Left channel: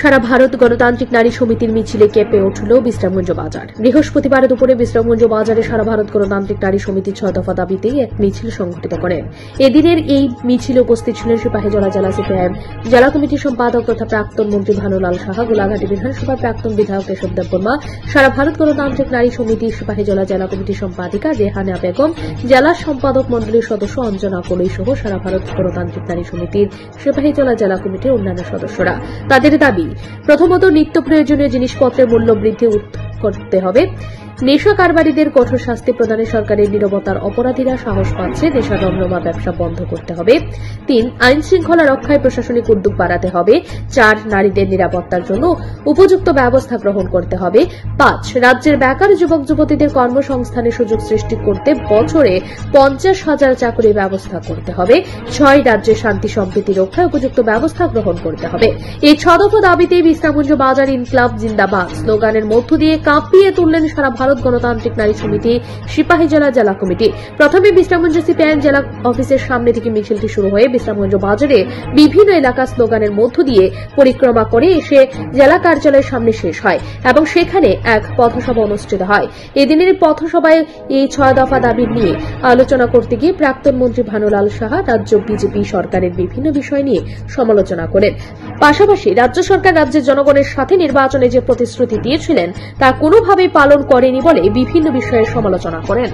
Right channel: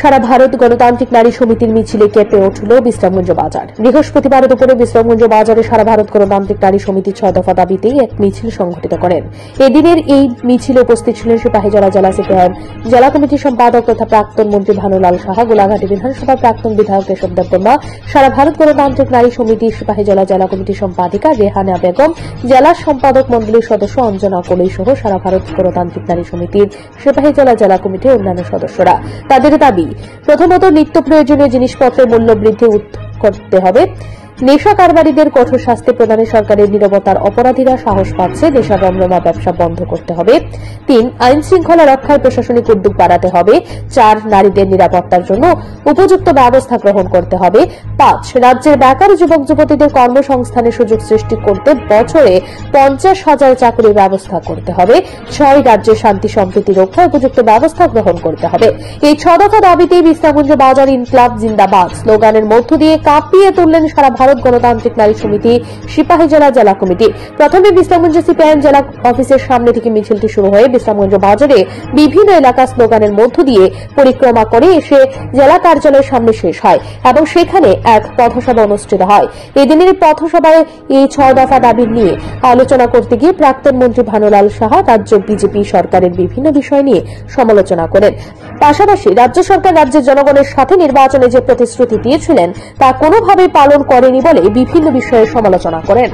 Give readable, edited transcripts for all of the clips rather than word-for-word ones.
সারা ভারত গণতান্ত্রিক নারী সমিতির মিছিলে কেঁপে উঠল বিশ্রামগঞ্জ বাজার। বৃহস্পতিবার দুপুরে বিশ্রামগঞ্জ বাজারে সারা ভারত গণতান্ত্রিক নারী সমিতি 6 দফা দাবিতে এক মিছিল সংঘটিত করেন। এদিনের এই মিছিলে উপস্থিত ছিলেন সিপাহীজলা জেলা সিপিআইএম জেলা কমিটির সম্পাদক তথা প্রাক্তন মন্ত্রী ভানুলাল সাহা, গোলাঘাটি বিধানসভার প্রাক্তন বিধায়ক কেশব দেববর্মা, সারা ভারত গণতান্ত্রিক নারী সমিতির সিপাহীজলা জেলা কমিটির সম্পাদিকা রেহানা বেগম, জেলা সম্পাদক মন্ডলীর সদস্য অঞ্জনা কোলই সহ সারা ভারত গণতান্ত্রিক নারী সমিতির সিপাহীজলা জেলা কমিটির অন্যান্য সদস্যরা। তাদের দাবি, প্রথমত নিত্য প্রয়োজনীয় জিনিসপত্রের মূল্য বৃদ্ধি করতে হবে, নেশা কারবারিদের কঠোর শাস্তি প্রদানে সরকারের নীরবতার অপরাধীরা সাহস পাচ্ছে, নেশা রমরমা ব্যবসা বন্ধ করতে হবে। 3, আইন শৃঙ্খলা রক্ষায় প্রশাসনিক উদ্যোগ বাড়াতে হবে। 4, নারীদের নিরাপত্তার জন্য উপযুক্ত ব্যবস্থা গ্রহণ করতে হবে। 5, রাজ্যের বেকার যুবক যুবতীদের কর্মসংস্থানের সুযোগ সৃষ্টি করতে বছরে 50,000 চাকরির ব্যবস্থা করতে হবে। 6, রাজ্যের শান্তি সম্প্রীতি রক্ষায় উপযুক্ত ব্যবস্থা গ্রহণ করতে হবে। এই 6 দফা দাবিতে বিশ্রামগঞ্জ বাজার ইনকলাব জিন্দাবাদ স্লোগানের মধ্য দিয়ে কাঁপিয়ে তুললেন সারা ভারত গণতান্ত্রিক নারী সমিতি সিপাহীজলা জেলা কমিটি। প্রথমে বিশ্রামগঞ্জ সিপিআইএম জেলা অফিসের সামনে থেকে মিছিলটি শুরু হয়ে বিশ্রামগঞ্জ বাজারে বিভিন্ন এলাকা স্লোগানের মধ্য দিয়ে পরিক্রমা করে এসে জেলা কার্যালয়ের সামনে শেষ হয় এবং সেখানে এক পথসভা অনুষ্ঠিত হয়। এদিনের পথসভায় এই 6 দফা দাবি নিয়ে আলোচনা করতে গিয়ে প্রাক্তন মন্ত্রী ভানুলাল সাহা রাজ্য বিজেপি সরকারের বিভিন্ন বিষয় নিয়ে সমালোচনা করেন। পাশাপাশি রাজ্য সরকার রাজ্যের জনগণের সাথে নির্বাচনে যে প্রতিশ্রুতি দিয়েছিলেন তা কোনোভাবেই পালন করেনি বলে বিভিন্ন বিষয়ে সমালোচনা করেন।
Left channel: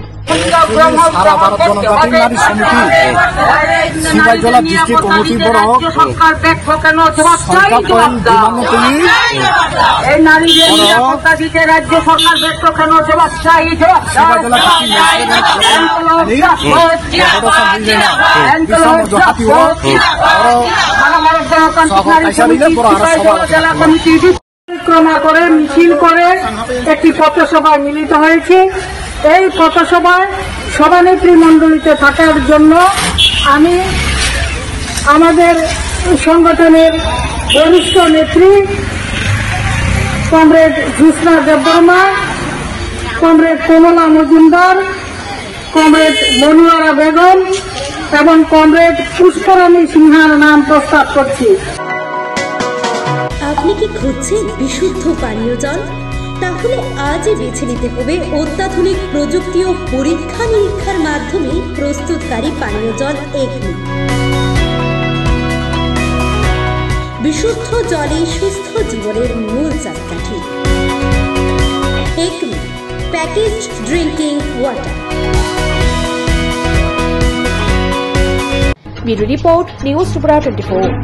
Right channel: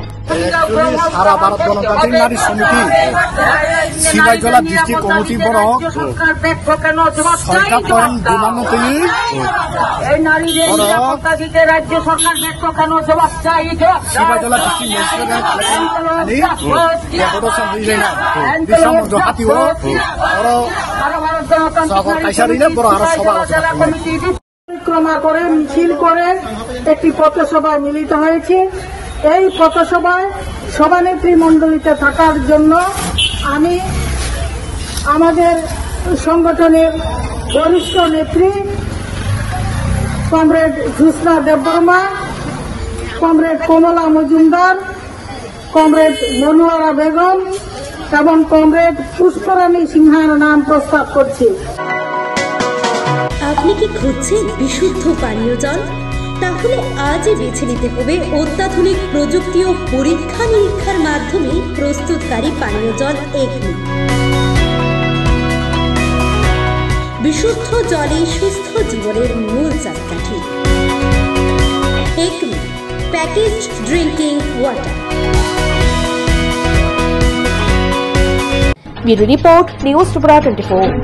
পরিক্রমা করে মিছিল করে একটি পথসভায় মিলিত হয়েছে। এই পথসভায় সভানেত্রী মণ্ডলীতে থাকার জন্য আমি আমাদের সংগঠনের বরিষ্ঠ নেত্রী কমরেড জ্যোৎস্না দেববর্মা, কমরেড কমলা মজুমদার, কমরেড মনোয়ারা বেগম এবং কমরেড পুষ্করানী সিনহার নাম প্রস্তাব করছি। আপনি কি খুঁজছেন বিশুদ্ধ পানীয় জল? তাহলে আজই বেছে নিতে হবে অত্যাধুনিক প্রযুক্তি ও পরীক্ষা নিরীক্ষার মাধ্যমে প্রস্তুতকারী পানীয় জল একমি। বিশুদ্ধ জলে সুস্থ জীবনের মূল চাকাঠি। Acme packaged drinking water. Bureau report, news Tripura 24।